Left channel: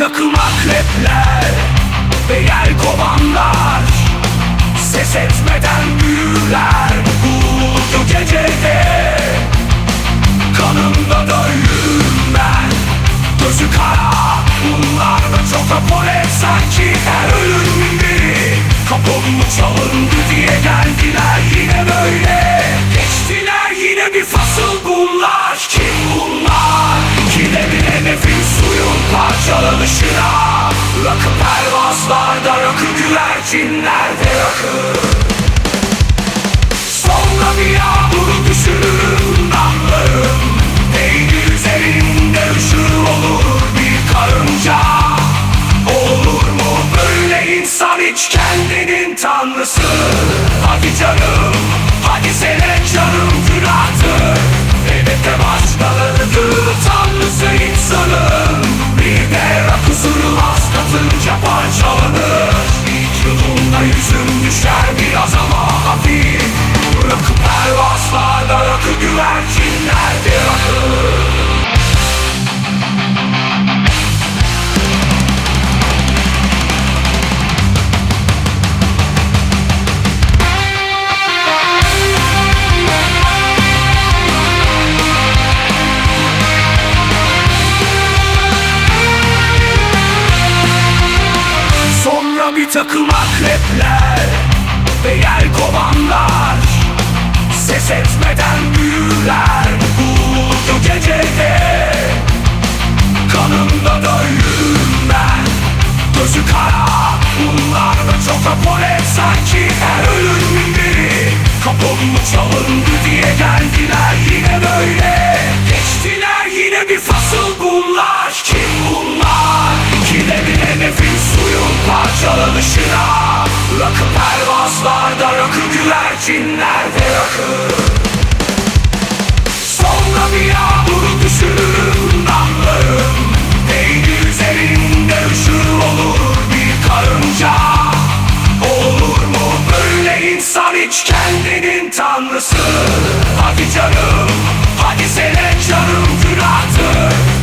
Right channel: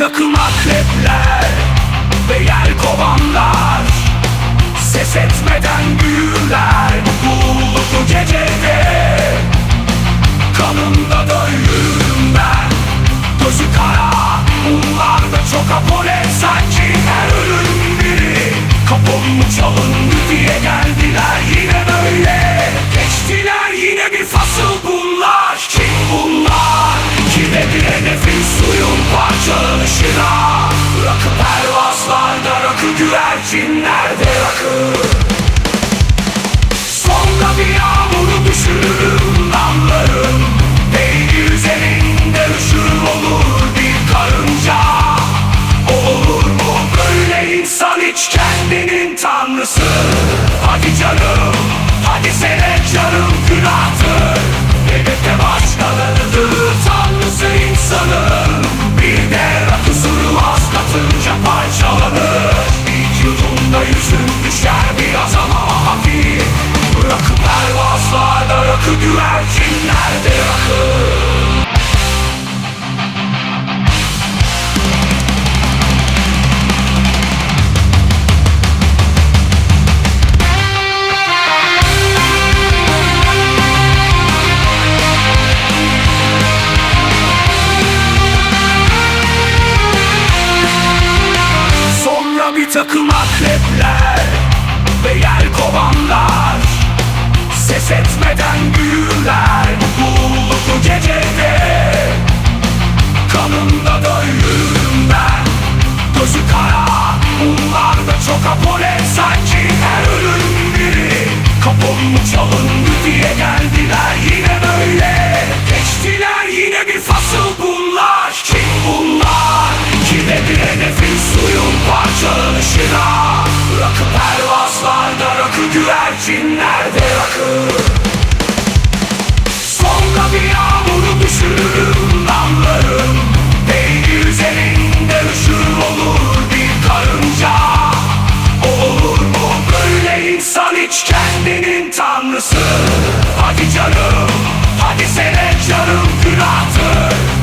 takım akrepler Ve yer kovanlar. Ses etmeden büyürler Bu bulutlu gecede. Kanımda da yürürüm ben. Gözü kara Bunlar da çok apole Sanki her ölüm biri. Kapım çalındı diye geldiler yine böyle. Geçtiler yine bir fasıl bunlar? Rakı pervazlarda rakı güvercinlerde rakı. Sonra bir yağmuru düşürürüm damlarım. Peynir üzerinde üşür olur bir karınca. Olur mu böyle insan hiç kendinin tanrısı? Hadi canım, hadi sene canım günahtır Bir takım akrepler Ve yel kovanlar? Ses etmeden büyürler Bu bulutlu gecede. Kanımda da ben. Gözü kara Bunlar da çok apole Sanki her ölüm biri Kapım çalındı diye geldiler. Yine böyle. Geçtiler yine bir fasıl bunlar? başına. Rakı pervazlarda, rakı güvercinlerde rakı. Sonra bir yağmuru düşürürüm damlarım. Değdi üzerinde üşür olur bir karınca. Olur mu böyle insan hiç kendinin tanrısı? Hadi canım, hadi sene canım günahtır